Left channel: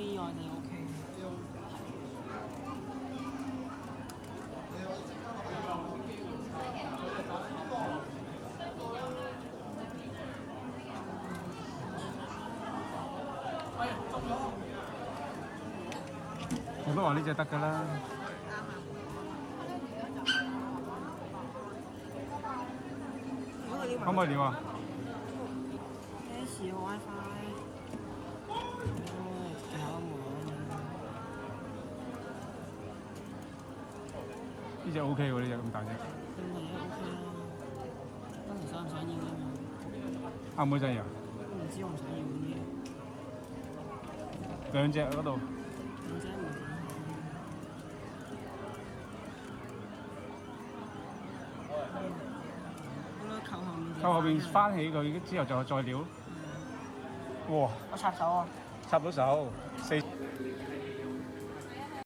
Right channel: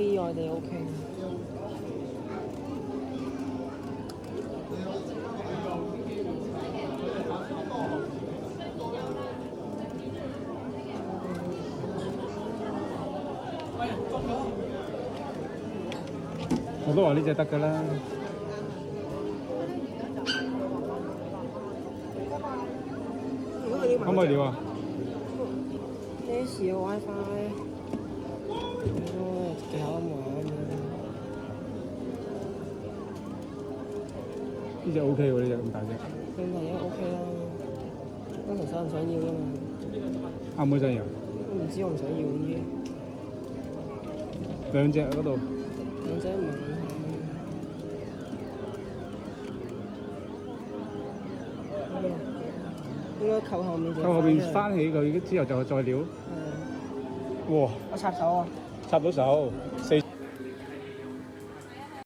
意外地 OK。我都話呢隻得㗎啦。可唔可以料啊？幾時有 WiFi？哦，幾好玩啊！呢隻 OK 喎，呢隻咁大隻。咁大隻 OK 啦，當時想唔想要啫嘛？阿妹想要？都唔知我唔想要呢啲。兩隻嗰度。兩隻唔係應該扣後面。扣後邊翻起佢之後就再料。哇！我插手啊！插到手4。